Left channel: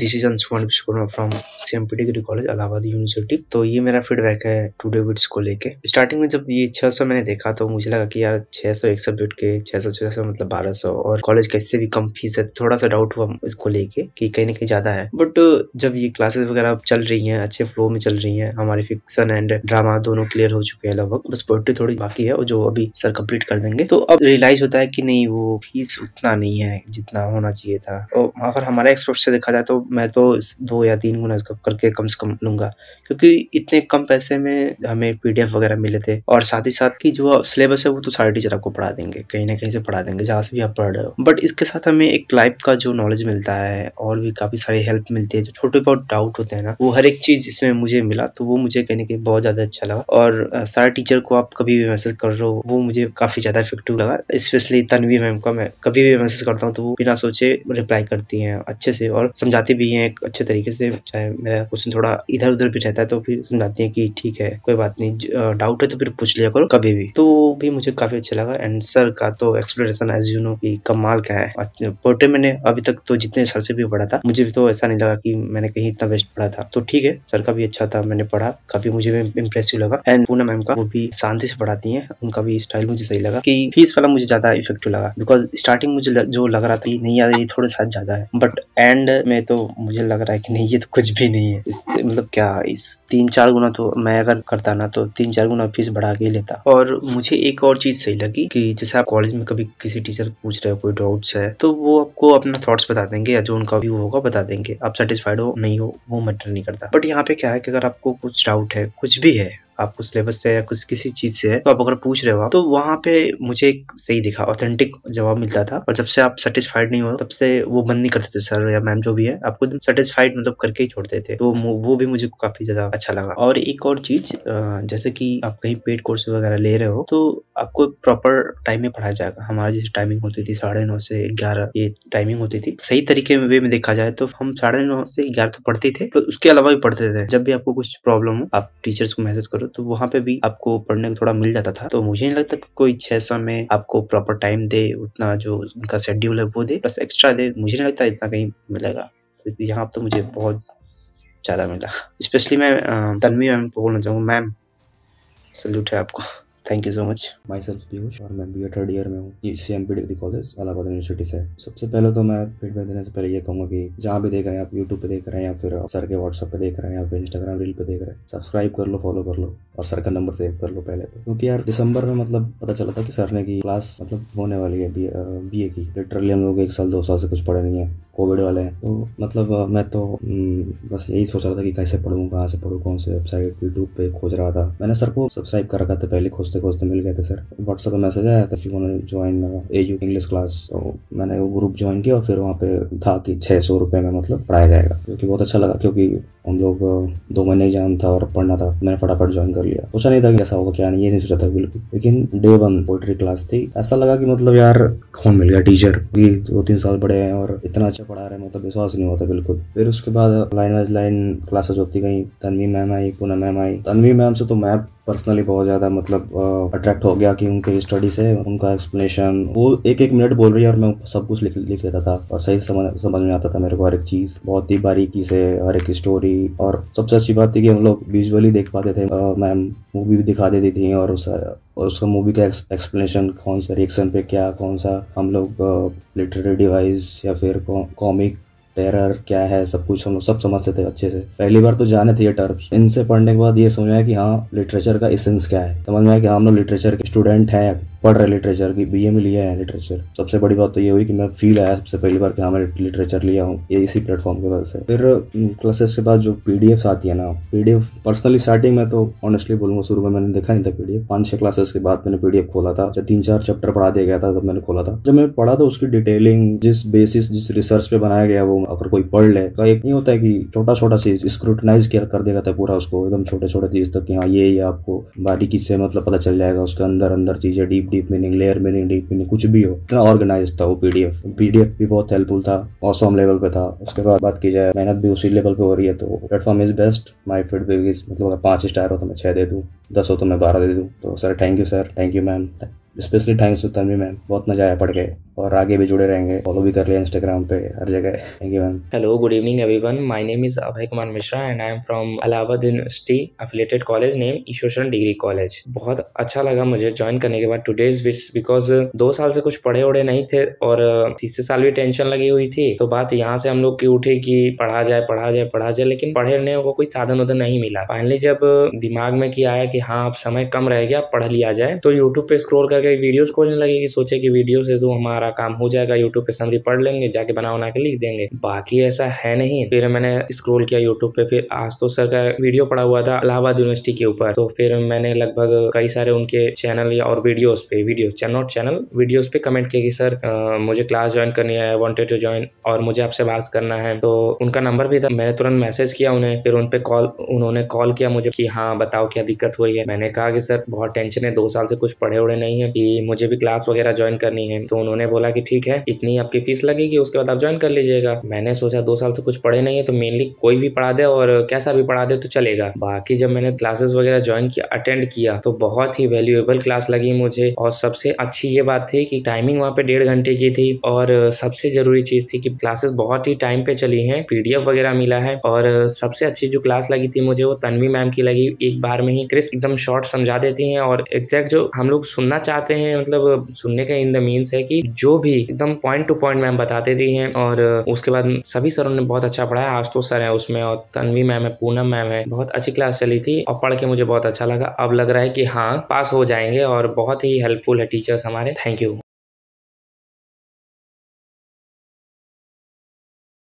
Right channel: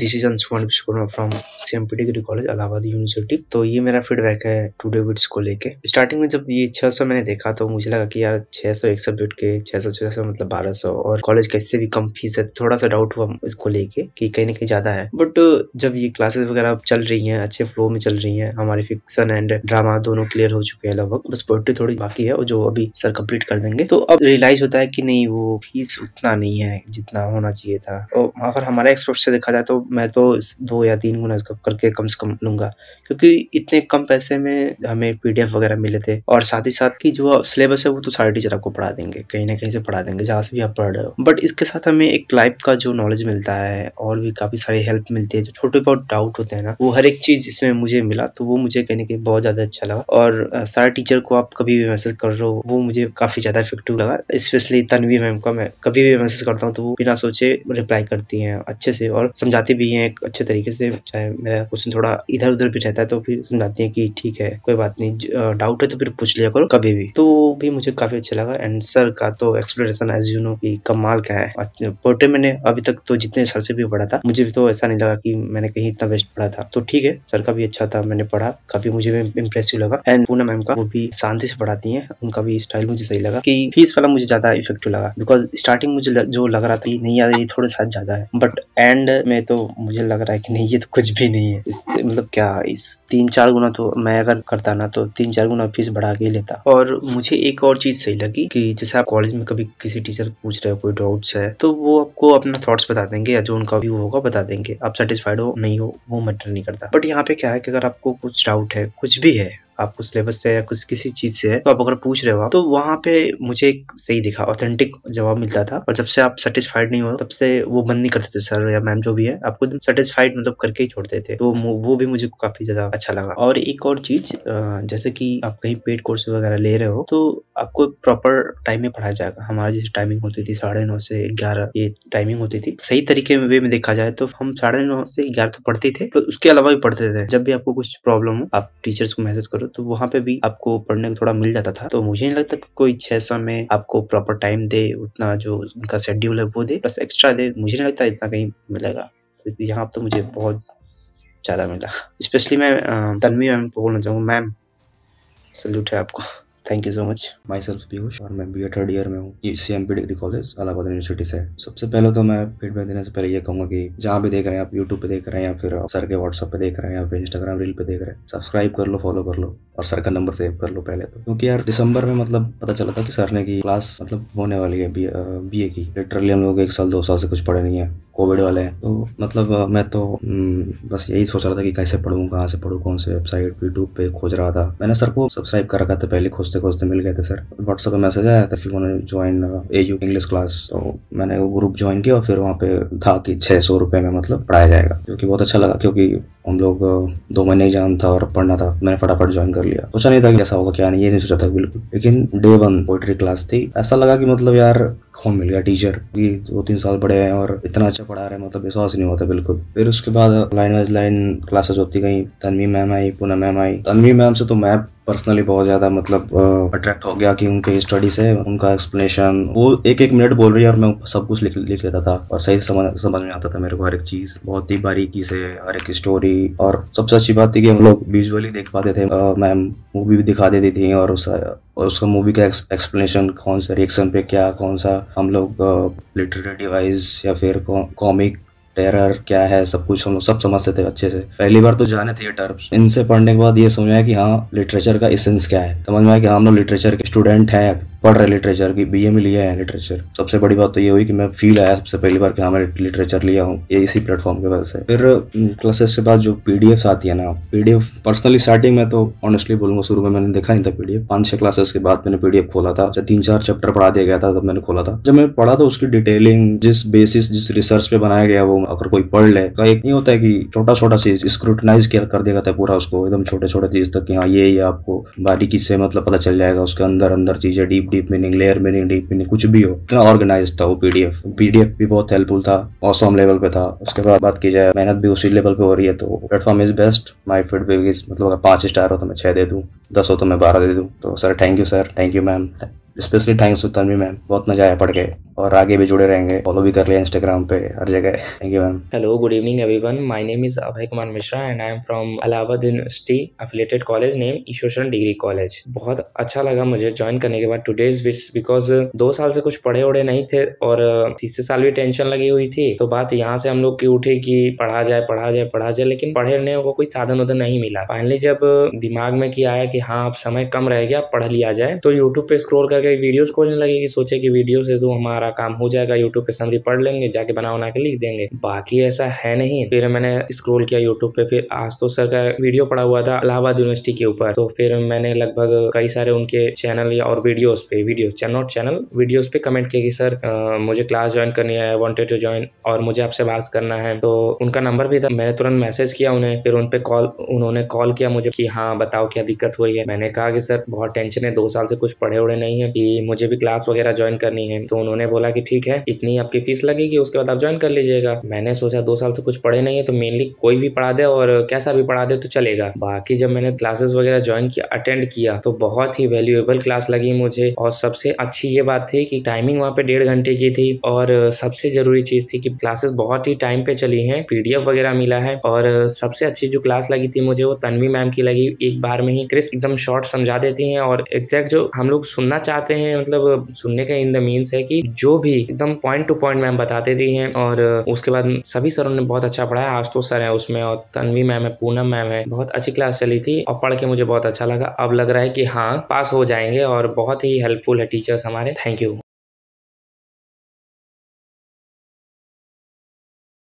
This is Anshuman Vishwakarma from CMP degree college Allahabad university. तो ये मेरा फीडबैक है टुडे विड्स को लेके। स्टार्टिंग में जब ये 600 मैंने देखा तो मुझे लगा कि यार 600 एक सब्जेक्ट के 600 मतलब 1200 और कॉलेज का इससे भी कम फीस है। थोड़ा सा डाउट हुआ इसको लेके कि कहीं ना कहीं ज्यादा है। बट जब ये क्लासेस वगैरह चल रही हैं, अच्छे फ्लो में चल रही हैं, हमारी फिक्शन एंड ड्रामा दोनों क्लियर हो चुके हैं लगभग, बस पोएट्री थोड़ी बाकी है और जो अभी सर कंप्लीट कर देंगे। तो अब रियलाइज होता है कि नहीं, वो फीस उतना नहीं है जितना होना चाहिए था। और अगर हमारे एक्सपेक्ट से देखा जाए तो मैं तो 2 या 3 गुना इसका करके कम से कम लूंगा, क्योंकि इतने कम पैसे में हमें पीडीएफ वगैरह मिले थे और साथ ही साथ की जो सिलेबस है वो तो सारे टीचर आपको पढ़ा देंगे, कहीं ना कहीं से पढ़ा देंगे जहाँ से भी आप पढ़ रहे हो। बट इसके साथ हमें एक लाइफ का जो नॉलेज मिलता है और भी काफी सारी हेल्प मिलती है। जो छोटे बहुत डाउट होते हैं ना, वो हर एक चीज इसमें मुझे मिला, तो वो मुझे कहीं ना कहीं बहुत ज्यादा अच्छा लगा। और सारे टीचर को आप कभी भी मैसेज कर रहे हो वो मुझे काफी ज्यादा इफेक्टिव लगा। स्पेशली तन्वी मैम का मैं कभी भी मैसेज करता हूँ तो वो बिना सोचे रिप्लाई करती हैं अच्छे से और समझाती भी हैं एक अच्छे तरीके से। चाहे मेरा क्वेश्चन थोड़ा इधर उधर भी रहता है तो फिर समझाती हैं कि ठीक है कोई बात नहीं, डाउट है तो फिर पूछ लिया करो कभी भी। तो भी मुझे काफी अच्छा लगा। एंड सर का तो एक्सप्लेनेशन एज यू नो कि कमाल का है। पोर्ट्रे मैंने अभी तक तो जितने सर से भी पढ़ा था मुझे भी तो ऐसा नहीं लगा कि मैंने कहीं इतना बेस्ट पढ़ा था। तो ठीक है, सर का भी अच्छा था, मैंने पढ़ा, काफी मुझे भी इम्प्रेसिव लगा। एंड पूनम मैम का, वो भी शांति से पढ़ाती हैं, उनका भी स्टाइल मुझे सही लगा। कि फीस वाला मुझे ज्यादा इफेक्टिव लगा, बिकॉज स्टार्टिंग मुझे जो लग रहा था नहीं यार ये थोड़े साथ ज्यादा है, बट एंड में तो मुझे लग रहा है कि नहीं ये तो कुछ भी नहीं है। इससे मतलब क्या, इस 3-4 गुना तो मैं अगर करता ना तो 3-4 गुना फीस बढ़ा के लेता। और मुझे एक और चीज सही लगी कि जैसे आप कॉलेज में कभी किसी टीचर पूछ रहे हो कोई डाउट्स है तो वो आपको अपना थॉट्स बता देंगे या जो उनका व्यू होगा बता देंगे। आप सेटिस्फाइड हो नहीं हो वो मैटर नहीं करता। बट यहाँ पे क्या है कि अगर आपको कुछ डाउट है, कुछ भी है, आपको सिलेबस से या कुछ किसी चीज से है, तो आप अगर पूछ रहे हो तो वहां पे मुझे एक सही दिखा, ऑथेंटिक जवाब मिलता था। और जब से आप सेटिस्फाइड नहीं हो तब से वो बंद नहीं करते थे सर या मैम जो भी है, आपको एकदम सेटिस्फाइड मतलब करके ही छोड़ते थे। तो वो भी मुझे काफी ज्यादा अच्छा लगा। और एक और चीज, जैसे कि आप कहीं पेड कोर्स वगैरह ले रहे हो तो आपको प्रॉपर टाइम में पढ़ाया जाएगा। हमारी जैसे टाइमिंग होती थी 9:30 से 11, ये टाइमिंग होती थी। सही तरीके में वे में देखा जाए तो हम 9:30 से 11 तो पढ़ते थे, तो उसके अलावा भी पढ़ते थे। जब भी आपको कुछ प्रॉब्लम हो आप टीचर्स को मैसेज करो तो वहां पे भी आपको पढ़ने को थोड़ा मिल जाता था। तो मुझे नहीं लगता कि कोई 600 में आपको प्रॉपर टाइम दे, उतना जो उनका शेड्यूल है वो दे, प्लस एक्स्ट्रा दे। मुझे नहीं लगता इतना कहीं मिलेगा। तो यहाँ तो मुझे बहुत ज्यादा मिला। स्पेशली मैं तन्वी मैम को बोलना चाहूँगा, मैम सल्यूट है आपको। Thank you so much. My self Piyush और मैं बी ए 3rd ईयर में हूँ, ये CMP degree college Allahabad university से। सबसे पहले तो मैं फीडबैक देने से पहले ये कहूँगा कि जहाँ भी देख रहे हैं आप, यूट्यूब पे देख रहे हैं या फिर सर के व्हाट्सएप पे देख रहे हैं या फिर इंस्टाग्राम रील पे देख रहे हैं, सब्सक्राइब कर लो, फॉलो कर लो और सर का नंबर सेव कर लो पहले तो। क्योंकि यार दिसंबर में मतलब पता चला था कि सर ने की क्लास मतलब होने वाली है बीए की। लिटरली हम लोग 1 साल 2 साल से कुछ पढ़े नहीं है, कोविड वाले है। तो मतलब मैं तो बस यही सोच रहा था कि कैसे पढ़ूँ, कहाँ से पढ़ूँ, कौन से वेबसाइट यूट्यूब पे खोज रहा था। मैंने सर को सब्सक्राइब कर रखा था पहले, खोजते खोजते मिल गए थे सर। व्हाट्सएप पे मैसेज आया था, फिर उन्होंने ज्वाइन एयू इंग्लिश क्लास, तो मैंने वो ग्रुप ज्वाइन किया और फिर वहाँ पे था कि 600 रुपये में मतलब पढ़ाया जाएगा, जो कि बहुत अच्छा लगा। क्योंकि हम लोग 2 महीने एग्जाम था और पढ़ना था, मैंने फटाफट ज्वाइन कर लिया। सोचा नहीं था कि ऐसा होगा क्या नहीं, ये नहीं सोचा था बिल्कुल। लेकिन डे 1 पोइट्री क्लास थी, ऐसा लगा कि मतलब यार कौन मिल गया टीचर, 2-3 साल पढ़े हैं और इतना अच्छा पढ़ा रहे हैं, मतलब विश्वास नहीं होता बिल्कुल। फिर उसके बाद लाइन वाइज लाइन क्लासेस होती गई। तन्वी मैम आई, पूनम मैम आई। तन्वी मैम से तो मैं पर्सनली बहुत ज्यादा मतलब अट्रैक्ट हो गया कि उनके स्टडी से, उनका एक्सप्लेनेशन, वो 1-1 मिनट बोल रही है और मैं सब कुछ लिख लेता था और सही समझ में आता था मेरे को हर एक चीज, बहुत ही बारीकी से हर एक स्टोरी। और सबसे अच्छी बात थी कि हम लोग विजुअली देख पाते थे, मैम मूवी भी दिखा देती थी और उसका मूवी का एक्सप्लेनेशन, कौन सा रिएक्शन पे क्या, कौन सा हम लोग लिटरेरी डिवाइस या फिर कॉमिक टेरर क्या है, सब कुछ हम लोग सब समझते थे अच्छे से। पहली बार तो जाने थे ये टर्म्स, इनसे पढ़ने के बाद ये समझ आया कि हाँ लिटरेचर का एसेंस क्या है, समझ में आया कि हम लोग लिटरेचर के स्टूडेंट हैं, पढ़ रहे लिटरेचर की, बीए में लिया है लिटरेचर। सबसे बड़ी बात तो ये हुई कि मैं फील आया सबसे पहली बार कि हाँ मैं लिटरेचर लिया हूँ, ये इसी प्लेटफॉर्म की वजह से। फिर क्लासेस के बाद जो पीडीएफ आती है ना, पीडीएफ पर्सनली स्टार्टिंग में तो ऑनेस्टली बोलूंगा शुरू में मैंने देखा नहीं था पीडीएफ। 5-6 क्लासेस के बाद मैंने पीडीएफ खोला था, 3-4 चैप्टर पढ़ा दिया गया था तब मैंने खोला था। जब मैंने पढ़ा तो उसकी डिटेलिंग, जिस बेसिस जिस रिसर्च पे बनाया गया वो अगर कोई पढ़ ले तो एक नहीं होता है कि छोटा छोटा चीज स्क्रूटनाइज कर दिया था पूरा उसको, एकदम छोटे छोटे चीज तक कि हाँ ये आपको बारीकी से मतलब पता चल जाएगा, उसके अंदर अंदर चीजें, deep meaning, layer meaning, deep meaning, कुछ भी हो, इतना ऑर्गेनाइज था वो पीडीएफ भी बहुत हेल्पफुल था, ऑसम लेवल पे था। उसके बाद बात की जाए मेहनत भी उसी लेवल पे हो रही है, तो platform is best. My feedback is मतलब अगर 5 स्टार हो तो मैं 6 दे दूँ, 10 हो तो मैं 12 दे दूँ। तो sir thank you sir, thank you ma'am, specially thanks to Tanvi ma'am, बहुत मजा आया पढ़ के, और आगे भी जुड़े रहेंगे, फॉलो भी कर लिया इंस्टाग्राम पे, हर जगह। Thank you ma'am. Hello, good evening everyone. My name is Abhay Kumar Mishra and I am from Allahabad University affiliated college named Ishwar Degree College. बहुत अच्छा लगा मुझे ज्वाइन करने के बाद today's bits because 2 साल से कुछ पढ़े उड़े नहीं थे और तीसरे साल भी टेंशन लगी हुई थी। तो बात यहाँ से हम लोग की उठी कि पढ़ा जाए, लेकिन पढ़ने को कोई साधन उधर नहीं मिला। फाइनली जब दिमाग में कि आया कि हाँ अब समय कम रह गया, पढ़ लिया जाए, तो यूट्यूब पे स्क्रॉल करके वीडियोस खोजने लगे कि सोचे कि वीडियो से तो हमारा काम हो जाएगा, यूट्यूब पे समरी पढ़ लेंगे, जाके बना के लिख देंगे। बाकी ऐसा है नहीं। फिर मैंने स्क्रॉल किया यूट्यूब पे, फिर आशुतोष सर का वीडियो पड़ा हुआ था इलाहाबाद यूनिवर्सिटी के ऊपर, तो फिर मैंने लगभग कई सारे उनके चैनल और वीडियोस पे कमेंट किया कि सर मुझे क्लास ज्वाइन करनी है, वांटेड टू ज्वाइन, और मुझे आपसे बात करना है। तो उनका नंबर भी था, मैंने तुरंत मैसेज किया उन्हें, फिर उन्होंने कॉल किया मुझे कि हाँ बताओ क्या दिक्कत हुई है। मैंने कहा कि सर बहुत टेंशन है, 2 साल से कुछ पढ़े उड़े नहीं है, कि मुझे भी क्लास वगैरह ज्वाइन करनी है। तो उन्होंने बोला कि ठीक है, इतनी आपकी फीस लगेगी, उसके बाद आप ज्वाइन कर लीजिएगा। मैंने सोचा 2 साल से कुछ पढ़े नहीं है तो मेनली कोई भी पढ़ा दे और कैसा भी पढ़ा दे तो चलेगा। बाकी जब मैंने क्लासेस वगैरह ज्वाइन किया, अटेंड किया, तो बहुत ही वैल्यूएबल क्लास लगी मुझे। और सबसे अच्छी ये बात थी कि टाइमिंग वहाँ पे 1.5 घंटे की थी, और सबसे जरूरी चीज थी कि क्लासेस बहुत ही टाइम पे चली हैं, PDF वगैरह मिला है। और सबसे अच्छी जो क्लास लगी थी मुझे वो तन्वी मैम की लगी। एक बार में ही क्रिस्प एकदम शॉर्ट समझा देती हैं, और एग्जैक्ट जो हम लोग सुनना चाहते हैं, मतलब सुनने का इन द मीन्स है कि जो भी एकदम पॉइंट टू पॉइंट मैम बता देती हैं। और उसके बाद सभी सरों ने बहुत अच्छा पढ़ाया, आशुतोष सर है उसमें, और तन्वी मैम है, पूनम मैम है। बहुत अच्छी क्लास चली थी और पढ़ के मुझे बहुत अच्छा लगा। अब लग रहा है कि हाँ पास हो जाएंगे, और बहुत ही हेल्पफुल है टीचर्स हमारे। Thank you.